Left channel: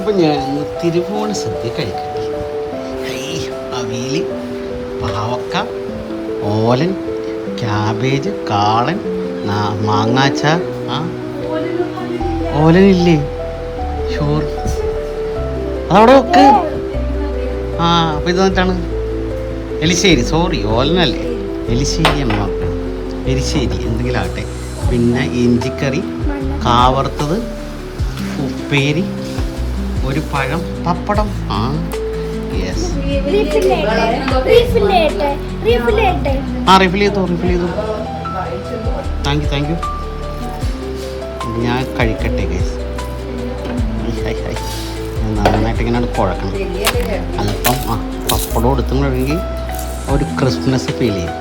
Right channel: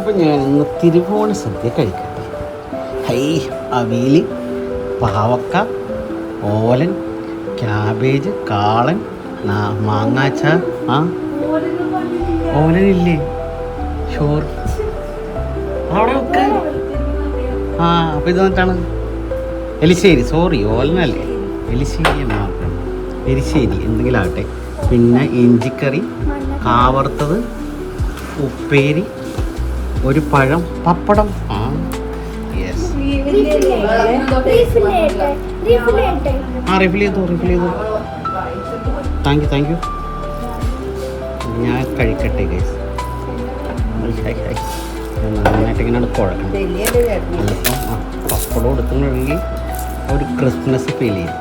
അപ്പം ഞാൻ ഇന്ന് തിരുവോണ സദ്യ കഴിക്കട്ടെ. ഹൈ അവിയൽ പാവക്ക ഓലൻ ക്യാബേജ് കാളൻ മാങ്ങാച്ച ആ? ഓലനില്ലേ? ഷോർ അതവിടെ വെക്ക്. ആ അപ്പോൾ ഇത് വന്നിട്ടാണ്. എലിശ്ശേരി സോറി ഓലനല്ലേ? എലിശ്ശേരി എന്ന പറഞ്ഞത് എലിശ്ശേരി എന്തെങ്കിലും ആകട്ടെ. പിന്നെ ഇഞ്ചിക്കറി കാവറുത്തത് ഉപ്പേരി ഒരു പഴം പപ്പടം. ആ യെസ് ആ റിഫിൽ ചെയ്തു റിഫിൽ ചെയ്തു. താങ്ക് യു താങ്ക് യു ഞാൻ കഴിക്കട്ടെ ഗൈസ് നന്നായിട്ട് ഇങ്ങനെ കുഴക്കണം. അതിപ്പം ആ പപ്പടം എടുത്തുണ്ടെങ്കിൽ ഒരു ക്രിസ്മസ് ഫീൽ ചെയ്യും.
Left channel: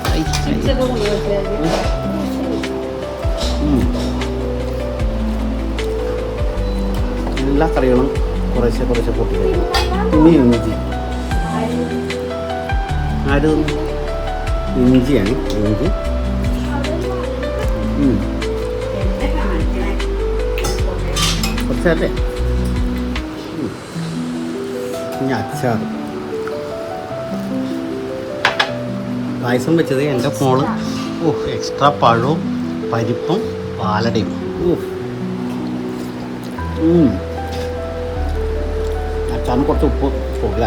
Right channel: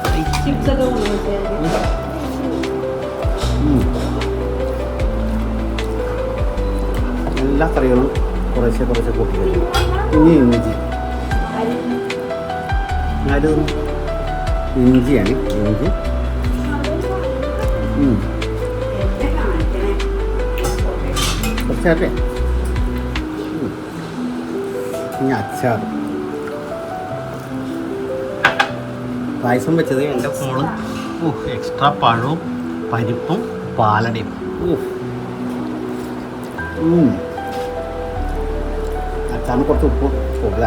എല്ലാ കറികളും കുറേശ്ശെ കുറേശ്ശെ കൂട്ടി കഴിഞ്ഞു. ഇനി ഇഞ്ചി. ആര്? ഇഞ്ചിയാണ് ഇഞ്ചി. കുറച്ചാട്ടെ. ഇനി അച്ചാർ പായസം വെച്ചത് എന്റെ മോൾ. ഓ എക്സ്ട്രാ പഴവും പരിപ്പും പാലടയും. ഓ ഉം. അച്ചാറിന് കുറച്ച് ഉപ്പ് പോകുക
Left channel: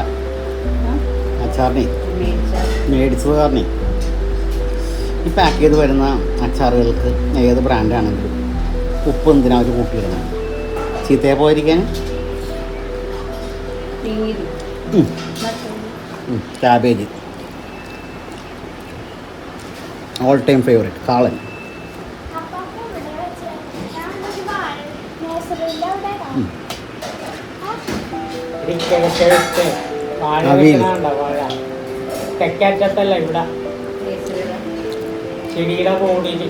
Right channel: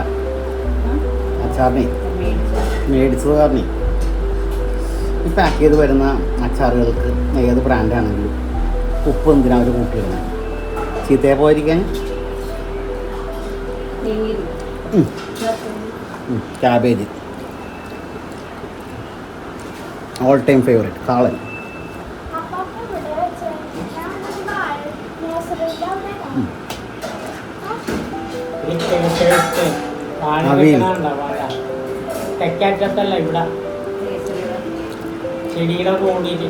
അച്ചാറിനെ? മേടിച്ചത്. കാരണേ ഈ പാക്ക് ചെയ്ത് വരുന്ന അച്ചാറുകൾക്ക് ഏത് ബ്രാൻഡാണെങ്കിലും ഉപ്പ് എന്തിനാ അവർ കൂട്ടിയിടുന്നത്? ചീത്തയെ പോയിരിക്കാൻ? Cabbage all time favourite kalan. Avial. തെക്കറ്റത്തല്ല ഇവിടെ. ചെടിയുടെ കോടിയിൽ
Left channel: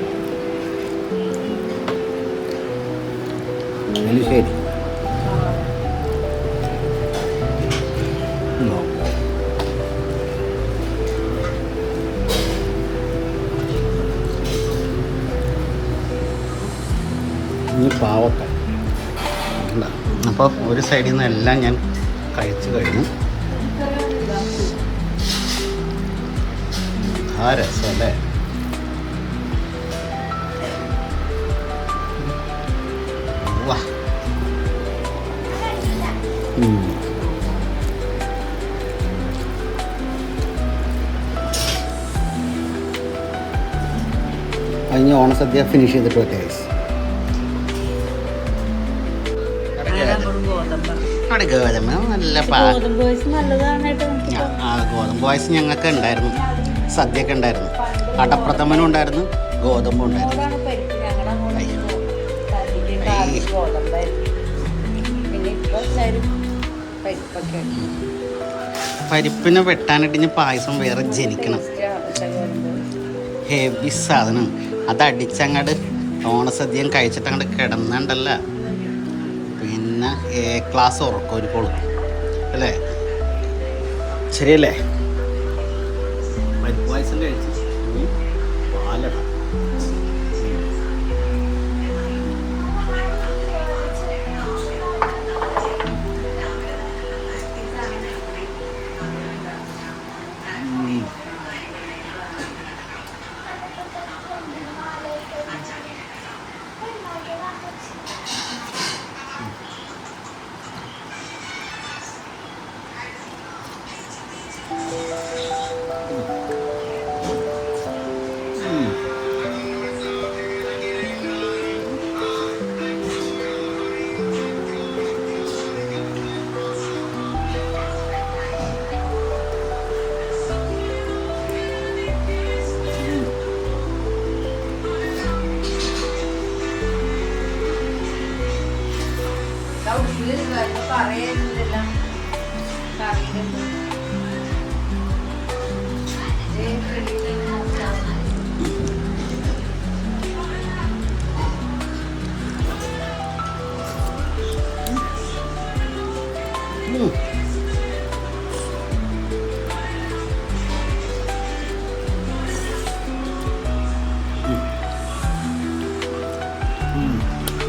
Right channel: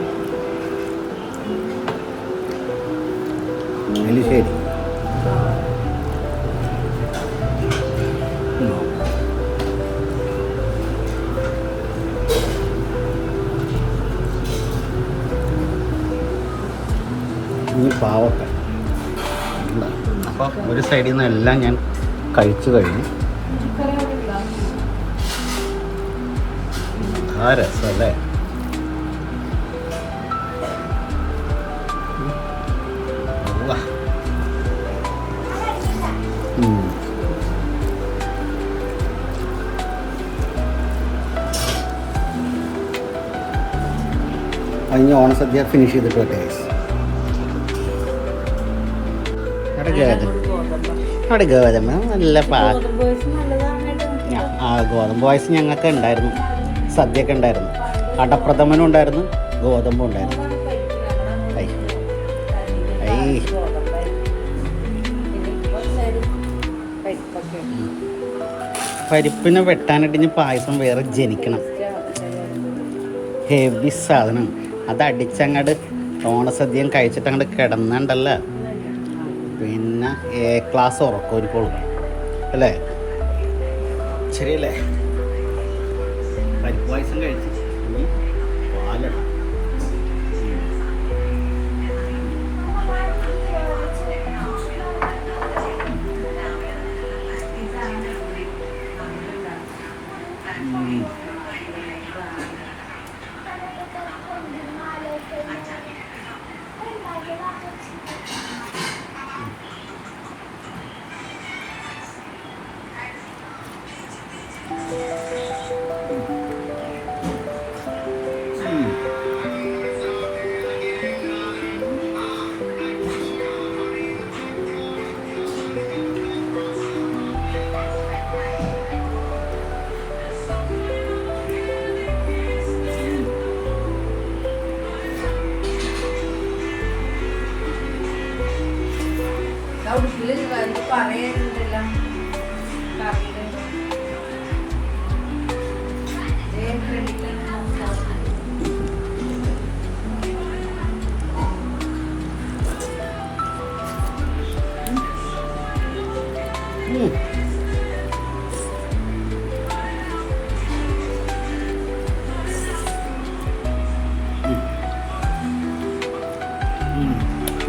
പാവക്ക അപ്പോൾ ഒരു സൈഡിൽ നിന്ന് എല്ലാം ഞാൻ കഴിച്ചു കഴിഞ്ഞു. ആ രസമല്ലേ. അതിന് ഓണസദ്യ ഫിനിഷ് ചെയ്തിട്ട് വരട്ടെ അവിടെ ഗോതമ്പ് നല്ല പാ ആ, ഗോതമ്പ് പായസം ഞങ്ങൾക്ക് ഉണ്ടായിരുന്നു. സദ്യയൊക്കെ ഉണ്ടായിരുന്നു. അടപ്രഥമനും ഉണ്ടായിരുന്നു ഗോതമ്പും ഉണ്ടായിരുന്നു. പരിപ്പിനെ വെട്ടാനായിട്ട് ഇനി പായസം വേറെ ജനിക്കണം. ഹെവി സാധനം. അത് അടിച്ചങ്ങട് ഓണസദ്യം കഴിച്ചിട്ട് അങ്ങോട്ട് കിടന്നുണ്ടല്ല. പിന്നെ എ ക്ലാസ് ഉറക്കം ഒരു ഒരുക്കോളും. അല്ലേ? ശരിയല്ലേ? വൈറ്റ് പായസം കഴിച്ച്. പാലിടാം.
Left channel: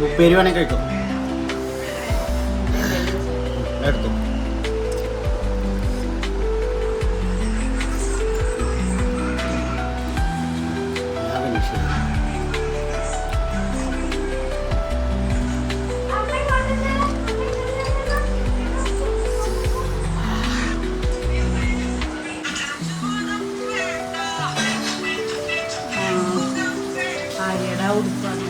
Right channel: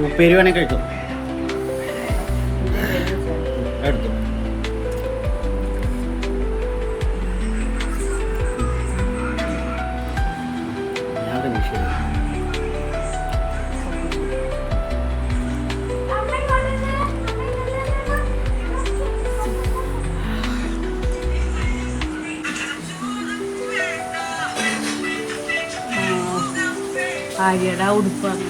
ഉപ്പേരി വേണമെങ്കിൽ കഴിക്കും. എടുത്തു. ആര്യയുടെ ഉടുപ്പാണ്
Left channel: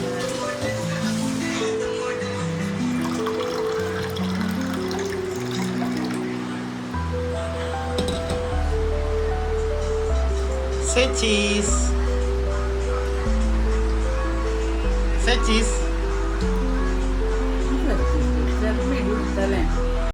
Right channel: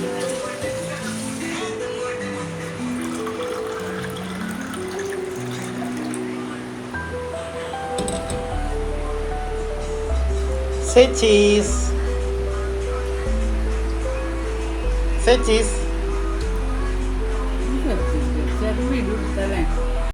Say cheese. Say cheese.